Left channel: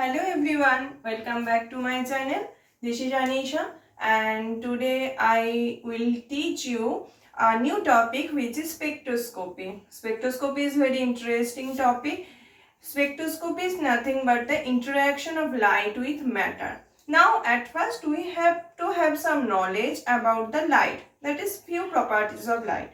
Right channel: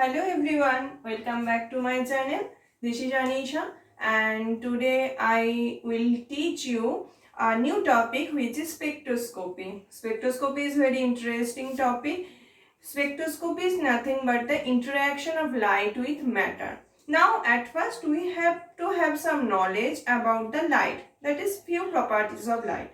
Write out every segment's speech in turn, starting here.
Hello everyone, welcome back to my channel. This is Anisha and today I will teach you a new topic which is spectroscopy. Spectroscopy is very interesting topic. Spectroscopy is nothing but the interaction of light with matter. Now at first we have to have some knowledge about the light, that is few properties of light.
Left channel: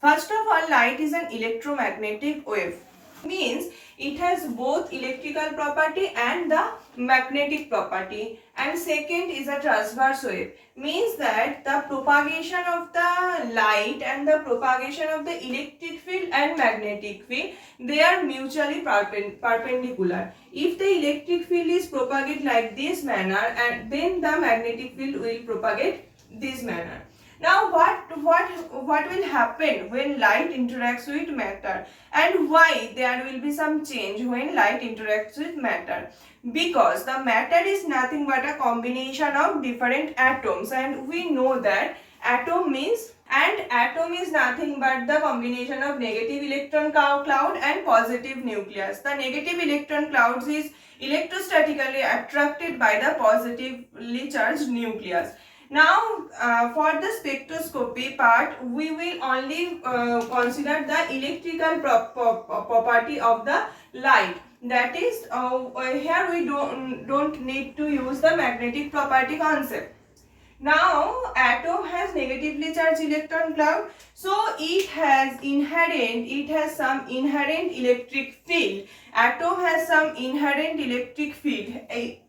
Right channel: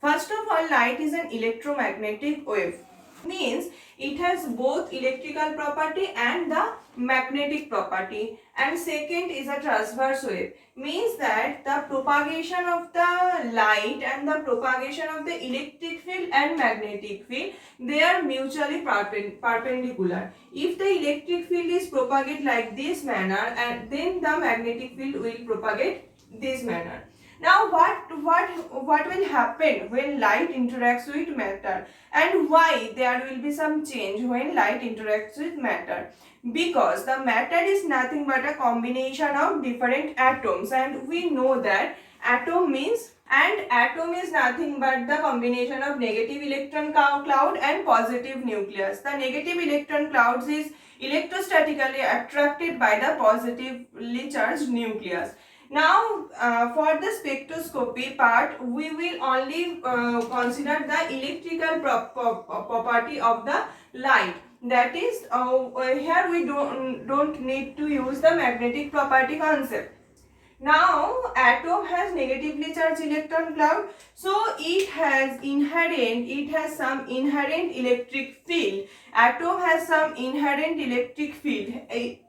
First of all, light is an electromagnetic wave. Means it has both electrical property and the magnetic property. And second is a transverse wave. Means that the propagation of the light and the propagation of the electric field and magnetic field, they are mutually perpendicular. If the electric field is propagated like this manner, and then the magnetic field will propagate this manner. Now what will happen when light interacts with matter, and why there will be some change when light interacts with matter? Because the matter is nothing but a combination of different atoms, and we know that atom is nothing but the combination of negative electron cloud and positive nucleus. The negative electron clouds is electrostatically attracted by the positively charged nucleus. Now, for the spectroscopy part, we will only consider the electrical property of the light. That is, here we don't need to use the magnetic property concept. Now, atom has negatively charged electron cloud, so it has some inherent electric field. Atom has some inherent electric field,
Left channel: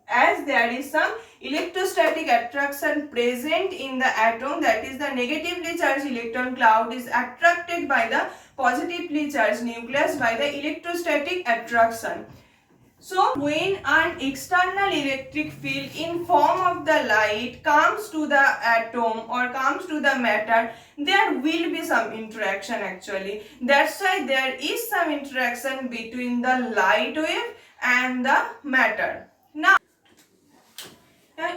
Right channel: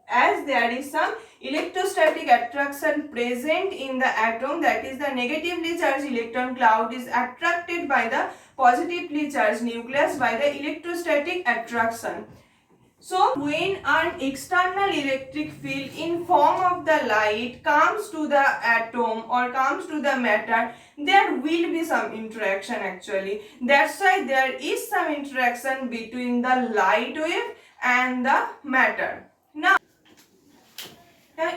as there is some electrostatic attraction present in the atom, that is the negatively charged electron cloud is attracted by the positively charged nucleus by the electrostatic attraction. So when an external electric field in form of the light comes to the atom or comes to the matter, there will be some interaction actually. That's why there is some interaction between the light wave and the matter. Now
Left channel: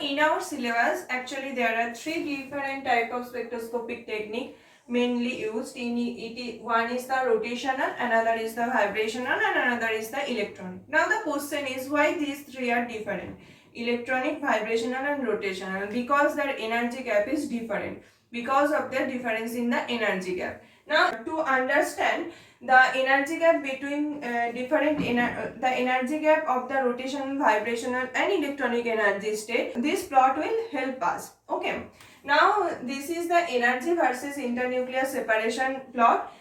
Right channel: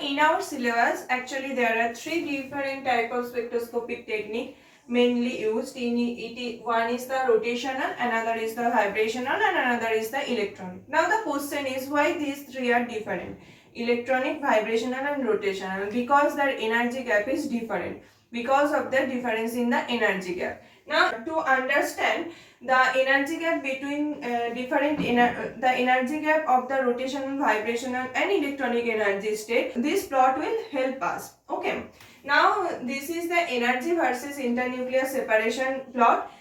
in our syllabus, actually there are three different types of spectroscopic technique mainly used in it. One is the rotational, another is the vibrational, and another is the electronic. Now the question is why these three are different: electronic, vibrational, and rotational. Because their energy gap is different, because of the difference in the energy gap. Now to understand the energy gap between the energy gap of the rotational, vibrational, and electronic energy state, this plot will help us. Okay. Now this is the energy versus internuclear separation plot.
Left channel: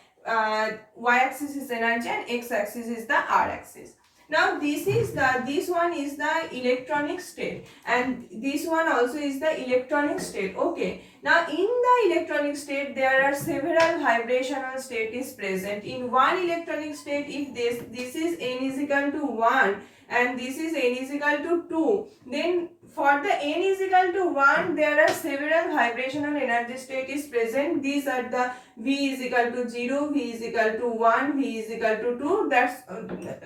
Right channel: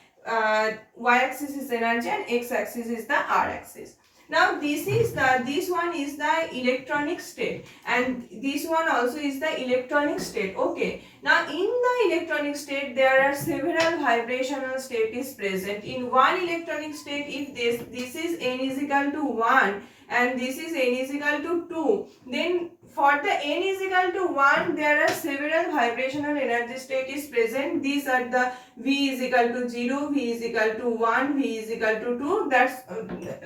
Y-axis is energy and x-axis is the R-axis. Now this one is the electronic state, and this one also is the electronic state. Okay. Now in the electronic state there are several vibrational state is present. In one electronic state, if this is n is equal to 1 and this is n is equal to 2, then for the n is equal to 1 there are several vibrational energy state is present. These are the V is equal to 0, V is equal to 1, V is equal to 2, that's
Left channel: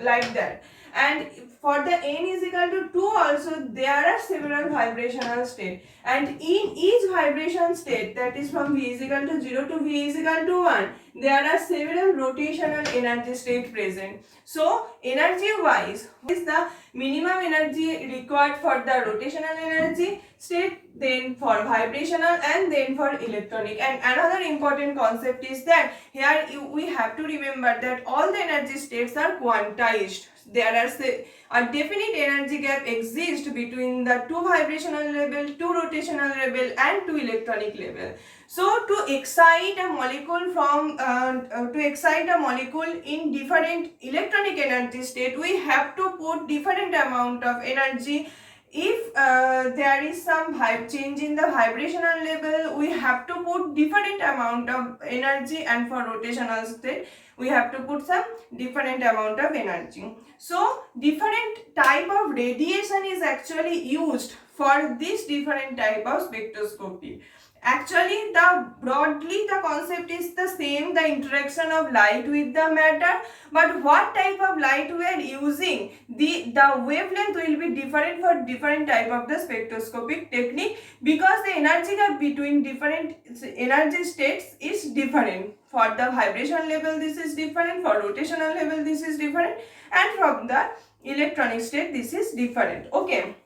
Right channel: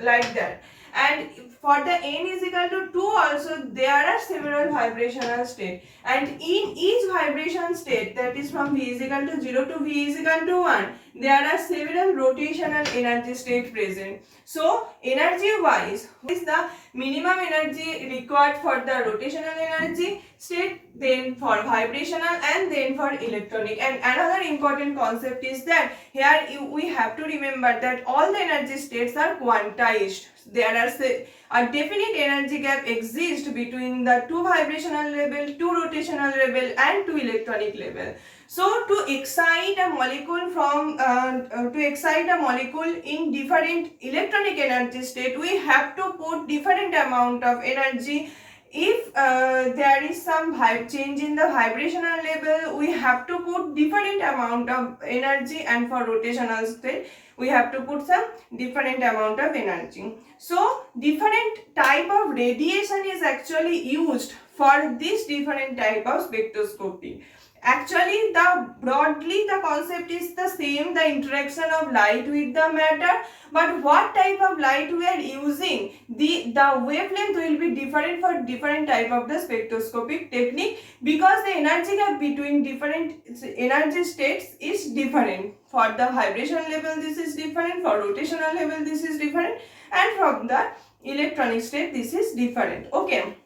like that. And for the n is equal to 2 also there are several vibrational state, and in each vibration state, that is from V is equal to 0 to V is equal to 1, there are several rotational energy state present. So energy wise, what is the minimum energy required for the rotational energy state, then for vibrational, and then for electronic? And another important concept is that here we have to remember that all the energy states are quantized. There are a definite energy gap exists between the two vibrational level, two rotational level, and two electronic level. So to excite a molecule in different electronic energy state, we have to put different amount of energy. If there is some change in the vibrational level, we have to put different amount of energy, and for rotational state we have to put some different amount of energy. So different type of radiation is actually used for this different type of spectroscopy. Actually, broadly the concept is the same, the interaction of light with the matter, but what type of light we are using, the wavelength will be different for different type of the spectroscopic technique, because the energy gap between different energy states is different. For the vibration level this is different, for rotational level this is different, and from the electronic state, this is different. Okay.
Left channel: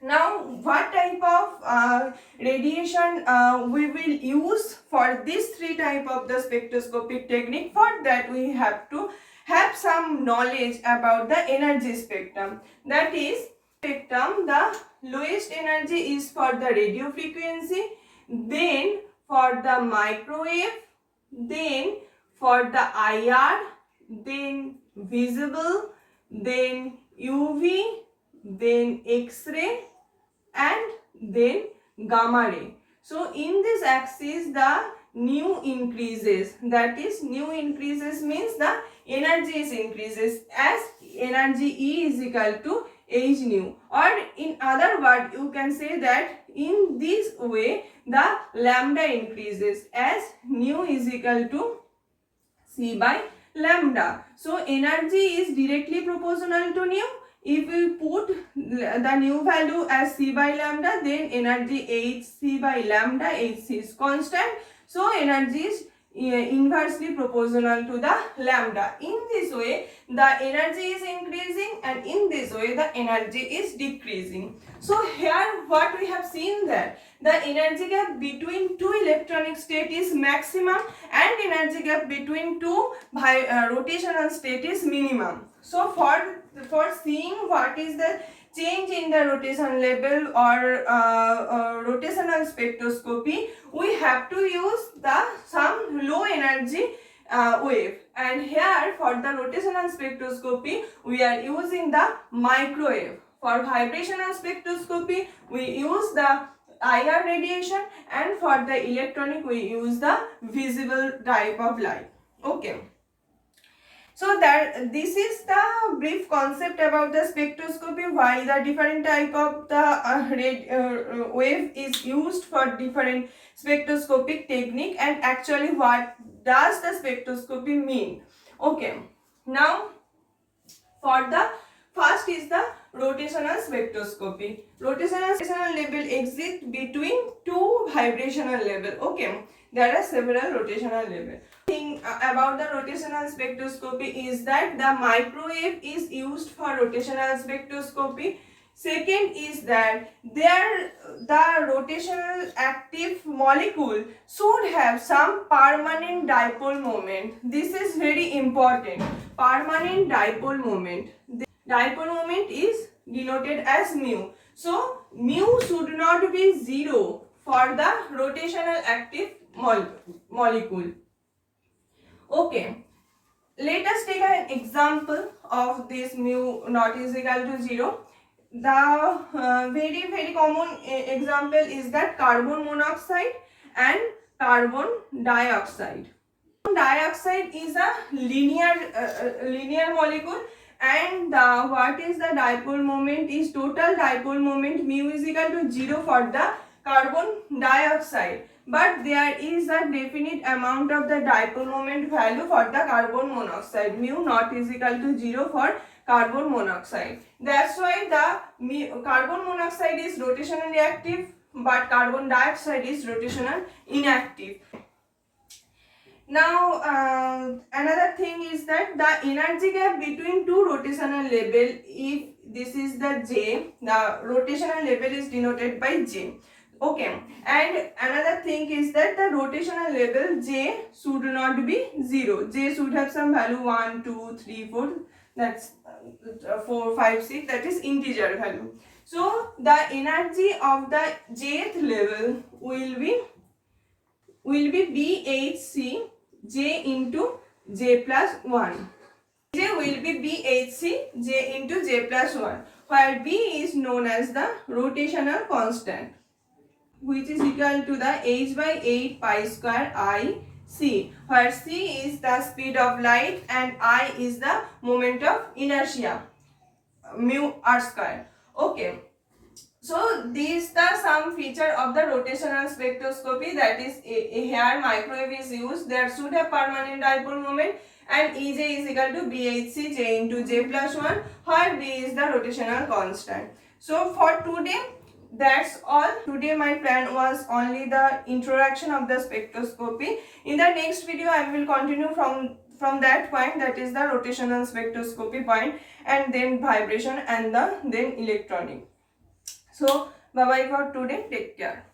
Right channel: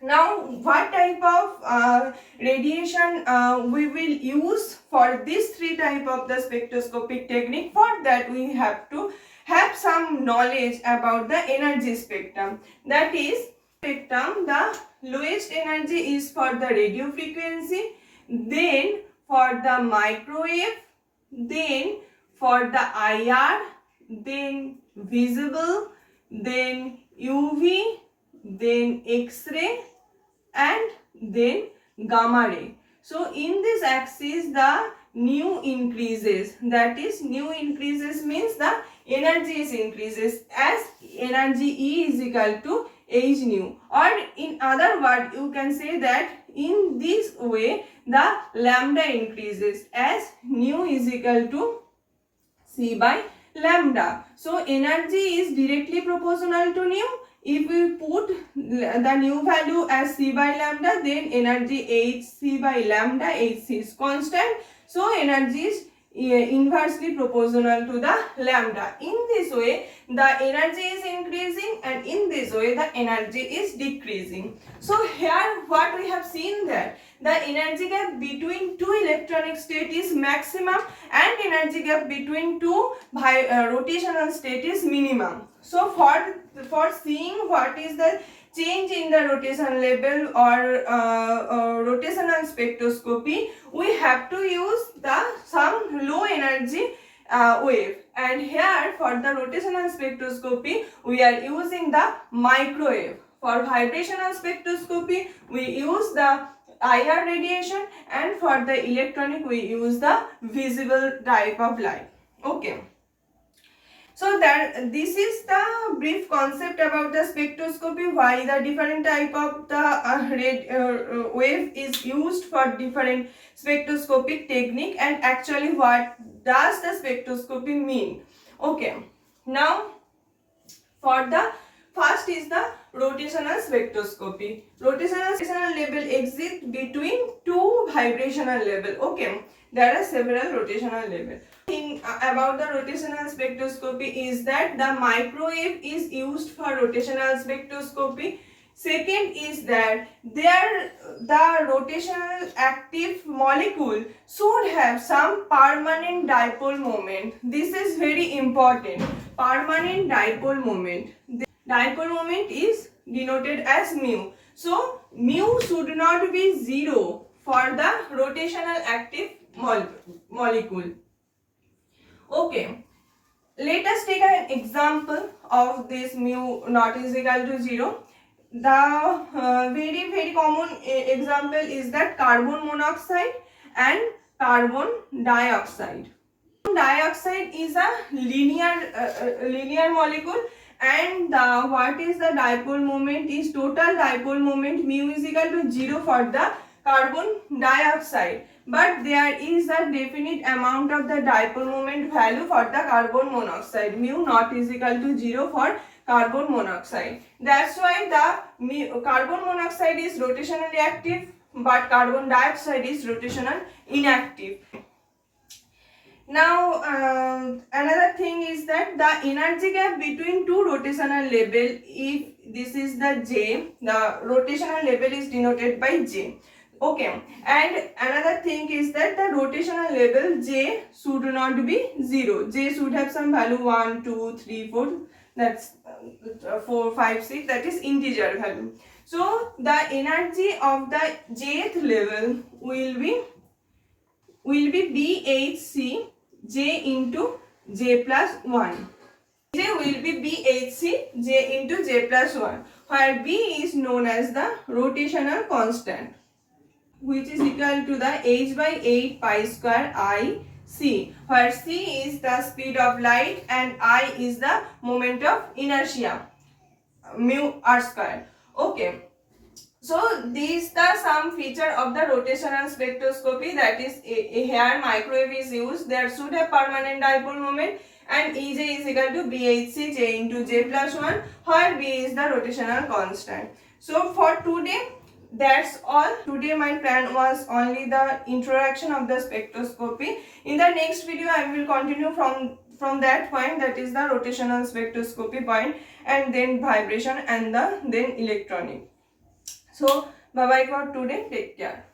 Now, what type of radiation we will use for these three type of the spectroscopic technique? For that, we have to have some knowledge about the energy spectrum. That is, spectrum, the lowest energy is for the radio frequency, then for the microwave, then for the IR, then visible, then UV, then X-ray, and then gamma ray. So in this axis the nu increases, that is nu increases means the energy is increases, as energy E is equal to h nu, or in other word you can say that in this way the lambda increases, as nu is equal to C by lambda. So energy is directly proportional to nu. If we put the nu value as C by lambda, then energy Hc by lambda, Hc is constant. So energy is inversely proportional to the lambda. In this way, the energy is increasing, and in this way, the energy is decreasing. So here what we have seen that the energy gap between two electronic state is maximum, and energy gap between two rotational state is minimum. So for seeing what is the change in the rotation level or rotational spectroscopy, we have to use the some low energy wave, and here for the rotational spectroscopy we are using the microwave. For vibrational spectroscopy we use the IR radiation, and for the electronic we use the visible type of light. Okay. So that this is the brief concept about the spectroscopy, why the different type of the wave is used for different spectroscopic technique, and actually what does the spectroscopy mean. Okay. Now for the first is the rotational spectroscopy. Rotational level exists between two vibrational level. Okay, there are several rotational level. Thing about the rotational spectroscopy is that the microwave is used for rotational spectroscopy. Second is that the rotational active molecule should have some permanent dipole moment. This is very important. Permanent dipole moment. Dipole moment is denoted as mu. So mu should not be 0 for the rotational active molecule. Okay, let us take an example of this mu not is equal to 0. The very common example is that carbon monoxide and carbon dioxide. Carbon dioxide is a linear molecule, and what is the dipole moment is total dipole moment mu is equal to 0 for the carbon dioxide, but there is a definite amount of the dipole moment value for the carbon monoxide. Mu not is equal to 0 for carbon monoxide. That's why the carbon monoxide is rotationally active, but carbon dioxide is rotational inactive. Now another thing is that the energy gap between two rotational level, if this is the J, the rotational level is denoted by J. Okay, and another thing is that the rotational level J should not be 0. J should have some value 1, 2, 3, 4, that's 4, 5, 6, that is integer value. So the energy of the jth level will be B.Sc J into J plus 1. J will be B.Sc J into J plus 1, where B is known as the rotational constant, which is equal to the h by 8 pi square I c, where c is the speed of light and I is the moment of inertia, mu r square. Okay. So these are some feature of the rotational spectroscopy, that is here microwave is used. There should have permanent dipole moment, and Ej is equal to B.Sc J into J plus 1, where B is the rotational constant. So for today, that's all. Today my plan was only the introduction of the spectroscopy. In the next video I will continue from from that point, that is the rotational spectroscopy point, and then vibration and then electronic. So bye bye for today, take care.